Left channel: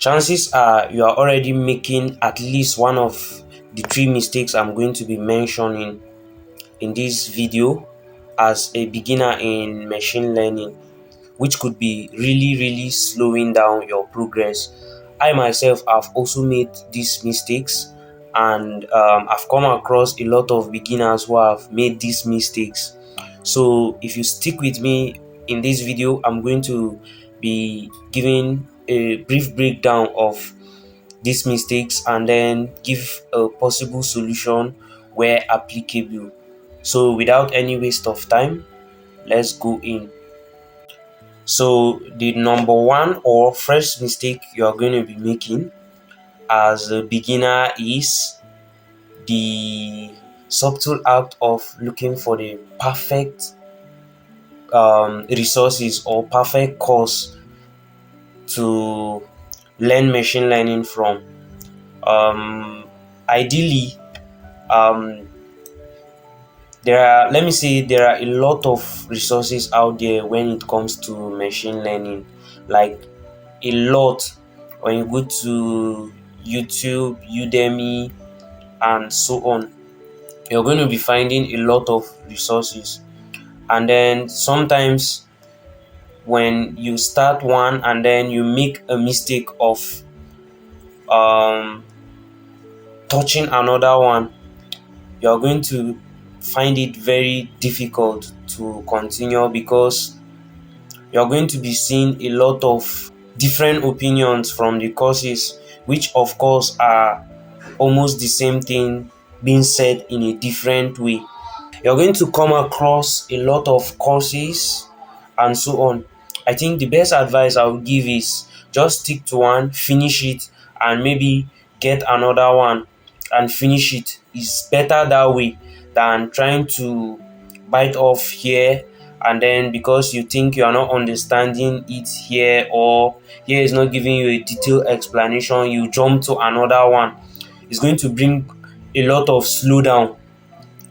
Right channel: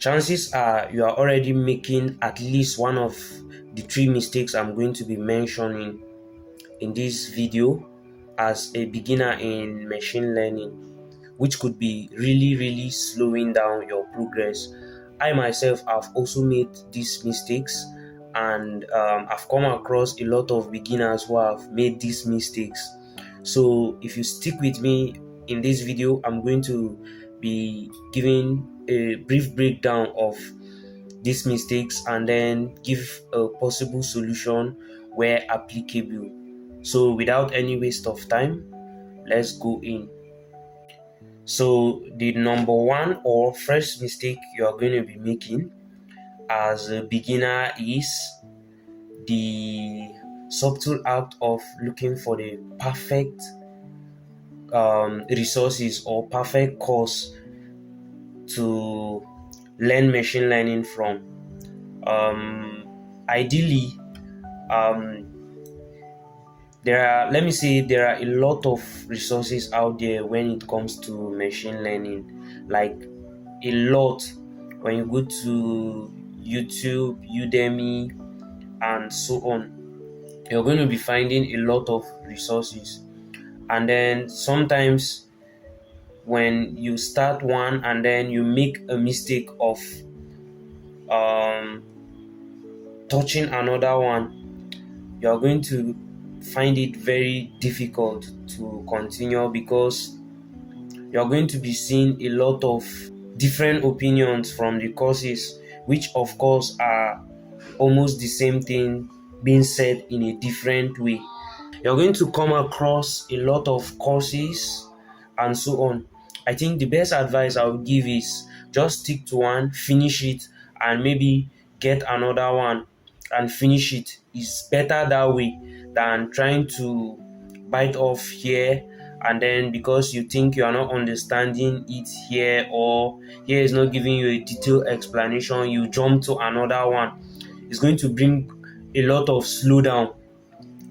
chances are you are already making at least one of the three mistakes I'm going to be mentioning in this video as a beginner in machine learning, which could be really slowing down your progress. I myself have also made these mistakes, and I've come across a lot of beginners who have made these mistakes. So if you stick with me in this video, I'm going to be giving a brief breakdown of these mistakes and then give a possible solution where applicable. So without any waste of time, let's go in. So the number one or first mistake you are going to be making as a beginner is the subtle act of looking for the perfect resources or perfect course to learn machine learning from. Ideally, um, let me say there are a lot of resources out there when it comes to machine learning, like a lot. When you go to YouTube, Udemy, and so on, you're going to be finding a lot of resources. And then sometimes when you start one and then you make a mistake of um, touching another one, you're going to find it very difficult to continue because you're going to be seeing a lot of different opinions from the courses, which of course are almost the same thing being said in a different way. You're going to come across a lot of courses and so on. I think the best advice I would give is just stick to one, finish it, and maybe get another one and finish it. It's better that way than trying to bite off here, and then because you think you are not understanding it here, or here is not giving you a detailed explanation, you jump to another one. It's going to bring a lot of slowdown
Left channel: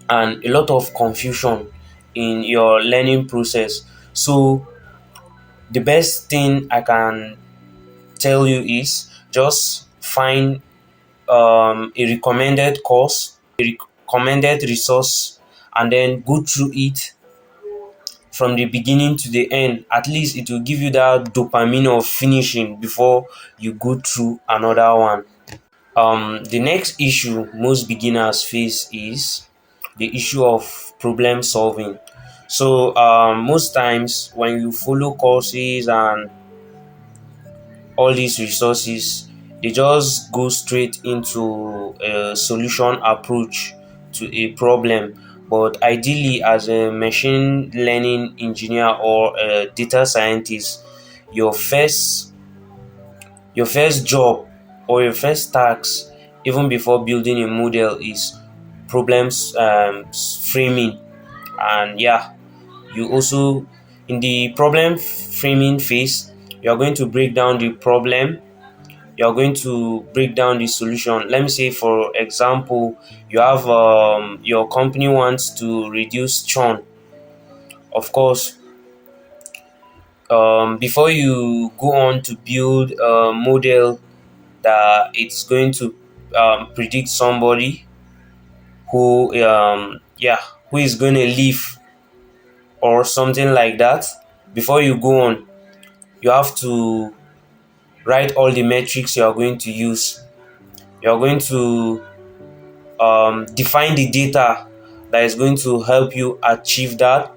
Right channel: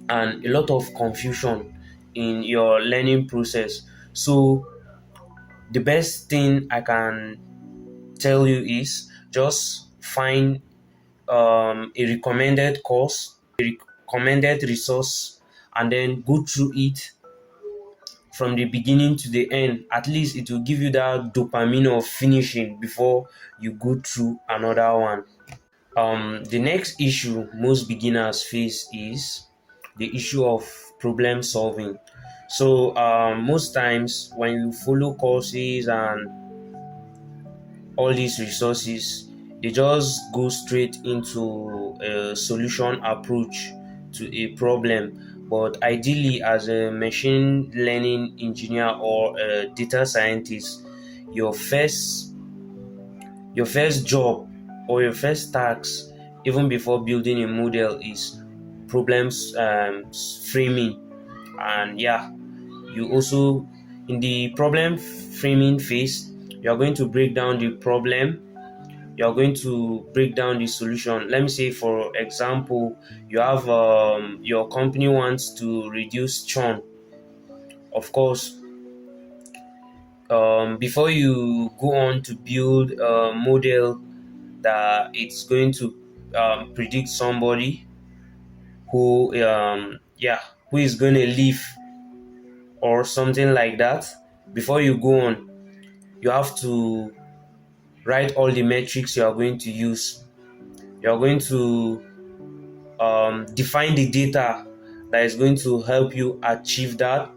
and a lot of confusion in your learning process. So the best thing I can tell you is just find a recommended course, a recommended resource, and then go through it from the beginning to the end. At least it will give you that dopamine of finishing before you go through another one. The next issue most beginners face is the issue of problem solving. So most times when you follow courses and all these resources, they just go straight into a solution approach to a problem. But ideally, as a machine learning engineer or a data scientist, your first your first job or your first task, even before building a model, is problems framing. And yeah, you also, in the problem framing phase, you're going to break down the problem, you're going to break down the solution. Let me say, for example, you have your company wants to reduce churn. Of course, before you go on to build a model that it's going to predict somebody who who is going to leave or something like that, before you go on, you have to write all the metrics you are going to use. You're going to define the data that is going to help you achieve that,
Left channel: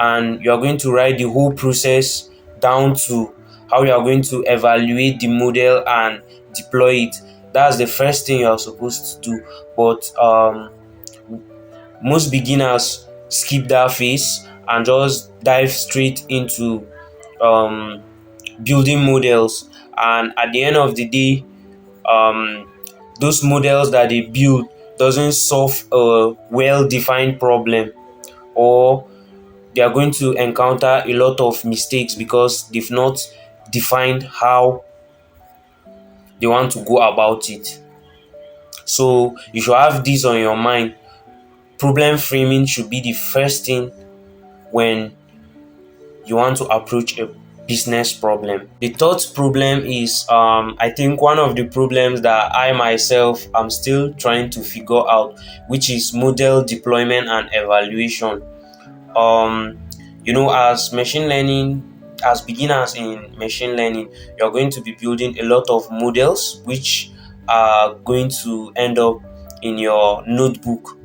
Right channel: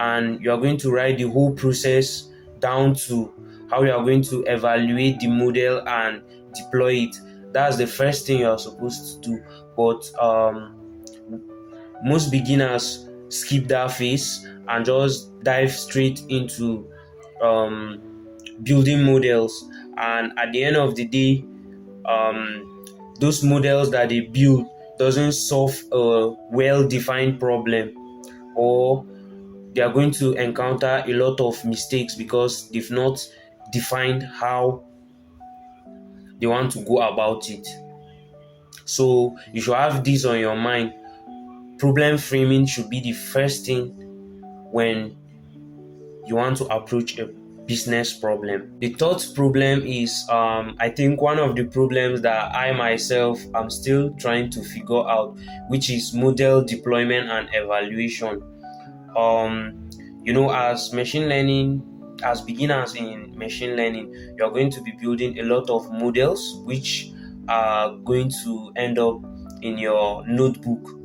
and you're going to write the whole process down to how you are going to evaluate the model and deploy it. That's the first thing you're supposed to do. But most beginners skip that phase and just dive straight into um, building models, and at the end of the day, those models that they build doesn't solve a well-defined problem, or they are going to encounter a lot of mistakes because they've not defined how they want to go about it. So you should have this on your mind. Problem framing should be the first thing when you want to approach a business problem. The third problem is I think one of the problems that I myself am still trying to figure out, which is model deployment and evaluation. um as machine learning, as beginners in machine learning, you're going to be building a lot of models which are going to end up in your notebook,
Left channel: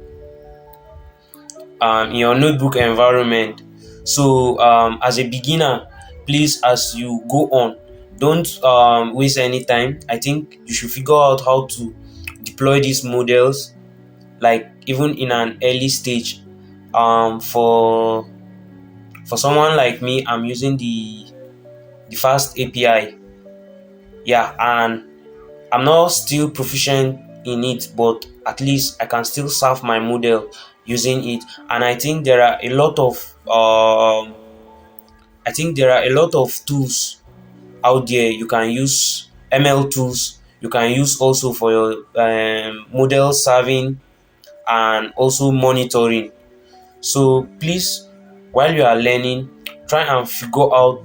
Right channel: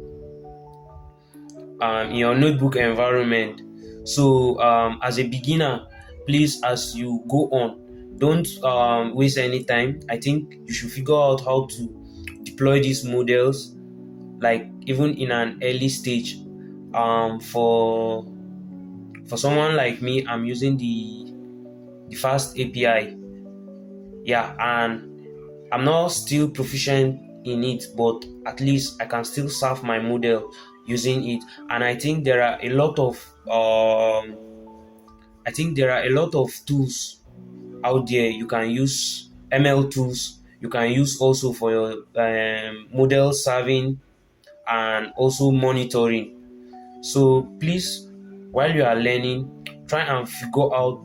in your notebook environment. So as a beginner, please, as you go on, don't waste any time. I think you should figure out how to deploy these models, like even in an early stage. For someone like me, I'm using the fast API. Yeah, and I'm not still proficient in it, but at least I can still serve my model using it. And I think there are a lot of tools out there. You can use ML tools. You can use also for your model serving and also monitoring. So please, while you are learning, try and figure out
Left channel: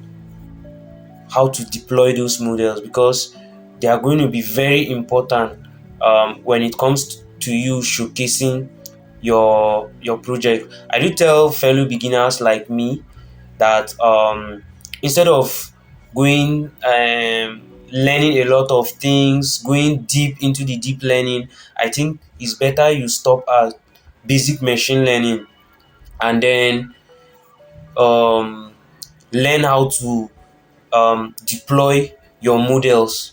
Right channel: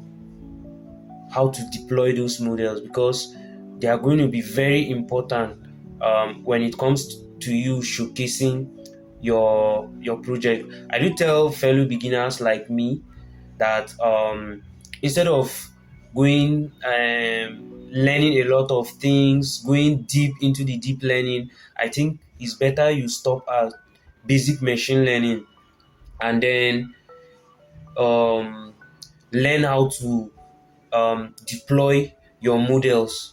how to deploy those models, because they are going to be very important when it comes to you showcasing your project. I do tell fellow beginners like me that instead of going learning a lot of things, going deep into the deep learning, I think it's better you stop at basic machine learning, and then um, learn how to deploy your models.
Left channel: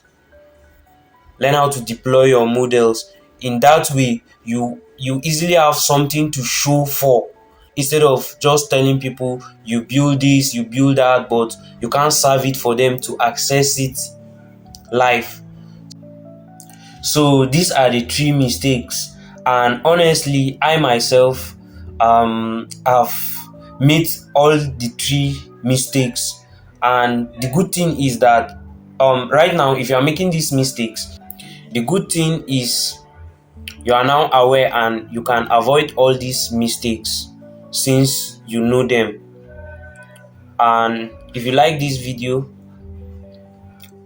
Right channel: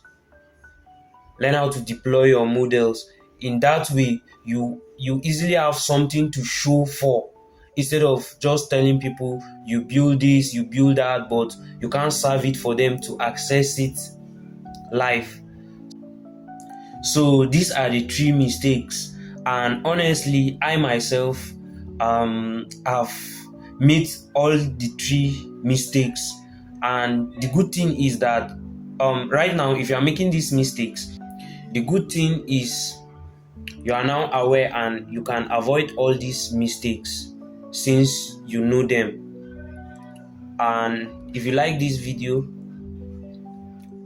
Learn how to deploy your models. In that way, you easily have something to show for, instead of just telling people you build this, you build that, but you can't serve it for them to access it live. So these are the three mistakes, and honestly, I myself have made all the three mistakes. And the good thing is that right now, if you are making these mistakes, the good thing is you are now aware and you can avoid all these mistakes since you know them. And if you like this video,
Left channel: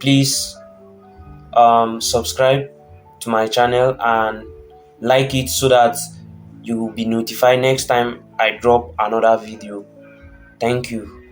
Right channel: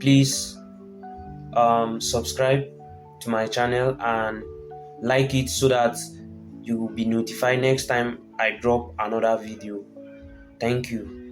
please subscribe to my channel and like it, so that you will be notified next time I drop another video. Thank you.